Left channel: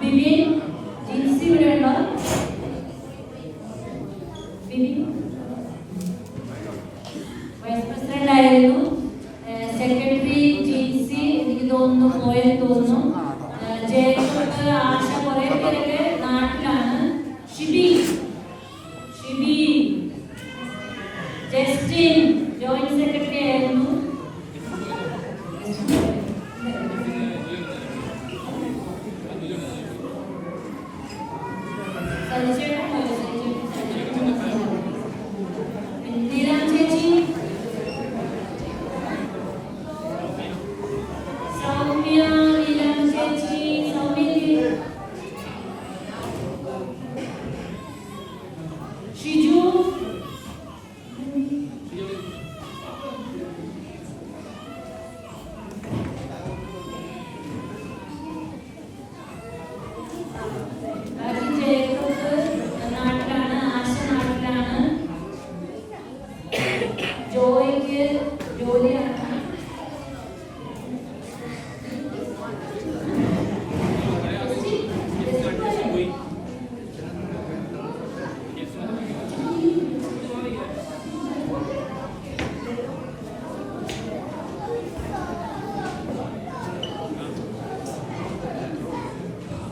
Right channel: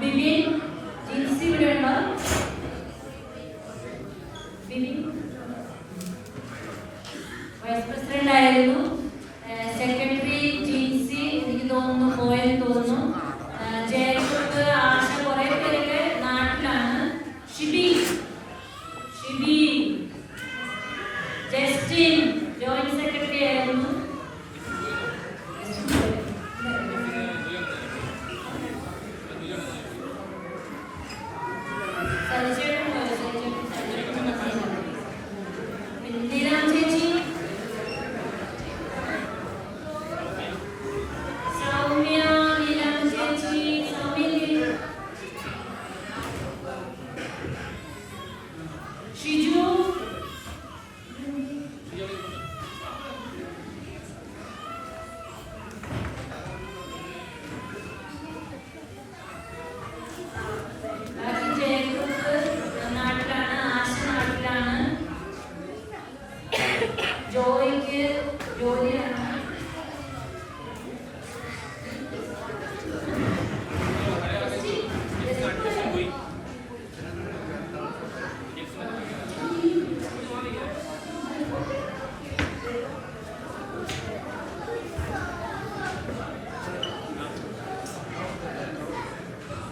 ബിബിൻ ജിൻസി ഇവിടെ ഉണ്ടോ? Bibin vice president ആയിരുന്നു. സെക്രട്ടറി ജിൻസി എനിക്ക് തോന്നുന്നു പോയെന്ന് തോന്നുന്നു. ജയകൃഷ്ണ ആശ കുറെ പേരൊക്കെ നാട്ടിലാണ്. ഷിബി ജസ്റ്റിൻ ജോയിന്റ് സെക്രട്ടറി ആയിരുന്നു.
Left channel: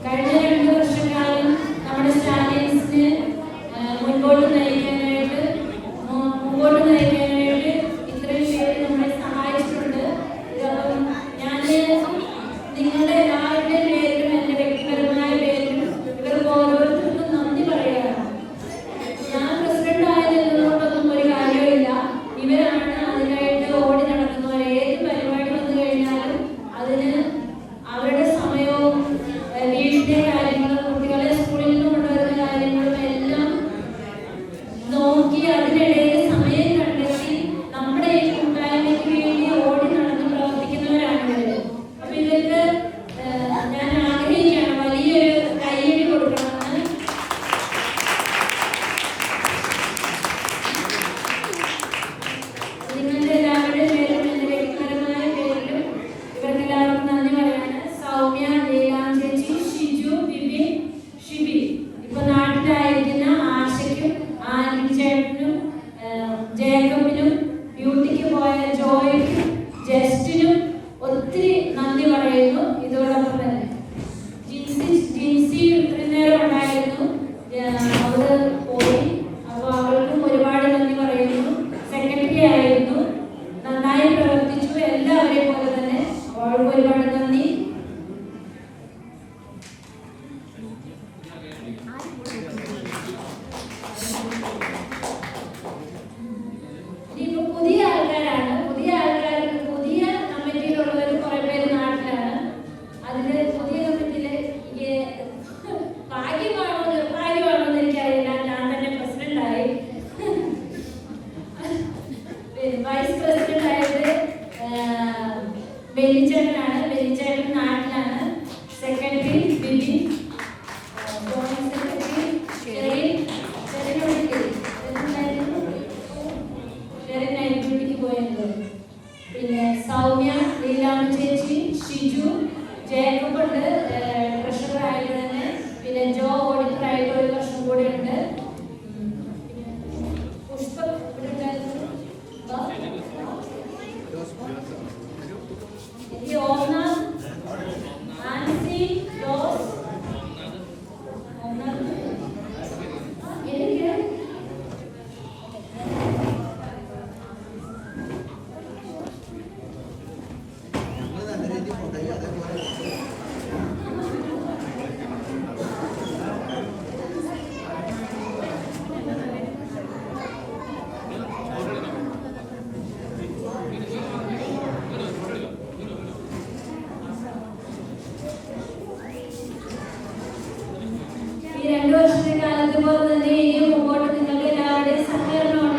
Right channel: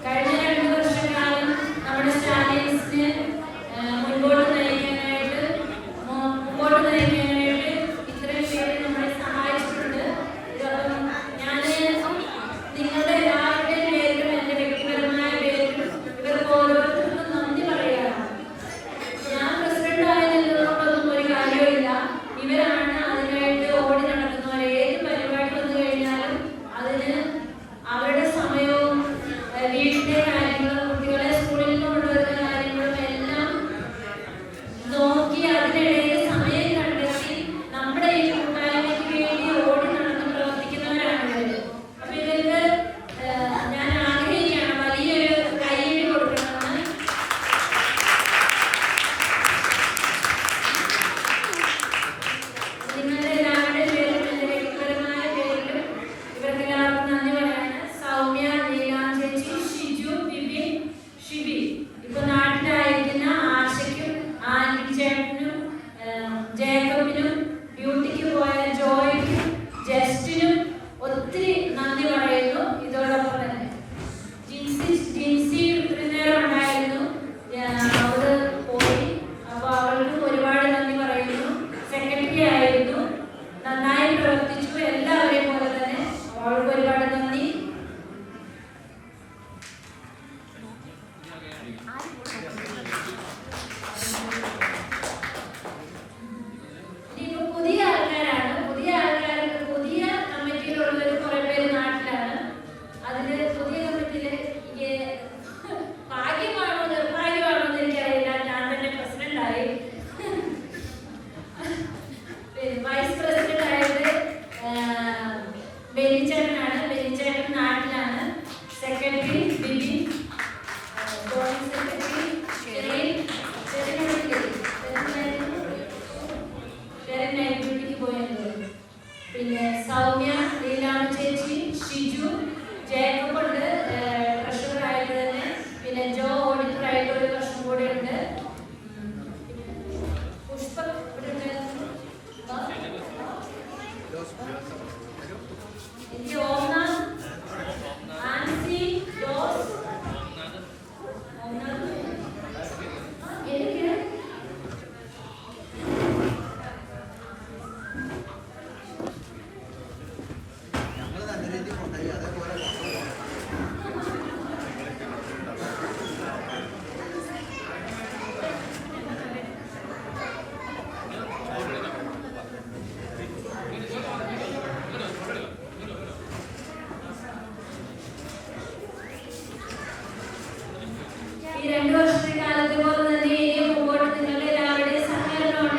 കഴിഞ്ഞ 2 വർഷക്കാലം നമ്മുടെ സ്റ്റാലിൻസിന് മുൻപോട്ട് നയിക്കാനായിട്ട് ഇത്രയും പേര് നമ്മളെ സഹായിച്ചിട്ടുണ്ട്. ഇതപ്പം ഞാൻ നിങ്ങളുടെ എല്ലാവരുടെയും പേരിലും എൻ്റെ വ്യക്തിപരമായ പേരിലും ഇവർക്ക് ഓരോരുത്തർക്കും നന്ദി പറയുകയാണ്. ഞാൻ പ്രസിഡന്റ് ആയതിനോടൊന്നും ഒരു കാര്യമില്ല. ഇവരാണ് അതിനായിട്ട് ഓടി നടക്കുന്നവർ. ഏത് പരിപാടി വന്നു കഴിഞ്ഞാലും അതിന് അവരുടെ സമയവും വീട്ടിലെ കാര്യങ്ങളും കുട്ടികളെ സ്കൂളിൽ നിന്ന് കൊണ്ടുവരുന്ന കാര്യങ്ങളും എല്ലാം നോക്കി അതിനിടയിൽ സമയം കണ്ടെത്തി നമ്മുടെ ഈ കൂട്ടായ്മയ്ക്ക് വേണ്ടി ഓടി നടന്ന് പ്രവർത്തിക്കുന്നവരാണ് ഇവര്. അപ്പൊ ഇവർക്ക് ഞാൻ ആഗ്രഹിക്കുകയാണ് വലിയൊരു കൈയ്യടി കൊടുക്കണമെന്ന്. നിങ്ങളുടെ എല്ലാവരുടെയും പേരിലും എൻ്റെ വ്യക്തിപരമായ പേരിലും ഇവർക്ക് എല്ലാവർക്കും നന്ദി പറയാണ്. സൗമ്യ, ചേച്ചി, ഷിജു, ബിബിൻ, ഷിബി, ഇപ്പൊ നാട്ടിലായിരിക്കുന്ന ആശയ്ക്കും ആൻഡി ചേട്ടനും ജേക്കബിനും ബ്യൂട്ടിക്ക് പോയ ജോയ്ക്കും ജസ്റ്റിനും ഒത്തിരി നന്ദി പറയുന്നു. ഇതോടൊപ്പം തന്നെ ജിൻസി ഇത്രയും നേരം ഉണ്ടായിരുന്നു, അവള് പോയി. അപ്പൊ അവൾക്കും ഒരുപാട് നന്ദി പറയുന്നു. സെക്രട്ടറി ആയിരുന്നു, നന്നായി പ്രവർത്തിച്ചു. എല്ലാവരെയും പോലെ തന്നെ അവൾക്ക് ഒരുപാട് നന്ദി. ഇപ്പൊ പുതിയ ആൾക്കാരാണ്. പുതിയ കമ്മിറ്റിയിലുള്ളവർ കുറെ പേര് നാട്ടിലാണ്. അതില് പുതിയ കമ്മിറ്റിയില് ഭാഗ്യമാണോ നിർഭാഗ്യമാണോ എന്ന് എനിക്കറിയില്ല. ഞാൻ തന്നെ പ്രസിഡന്റ് ആയി. വൈസ് പ്രസിഡന്റ് ആയത് ബെന്നിച്ചേട്ടനാണ്. ബെന്നിച്ചേട്ടൻ നാട്ടിലാണ്. സെക്രട്ടറി ബിബിൻ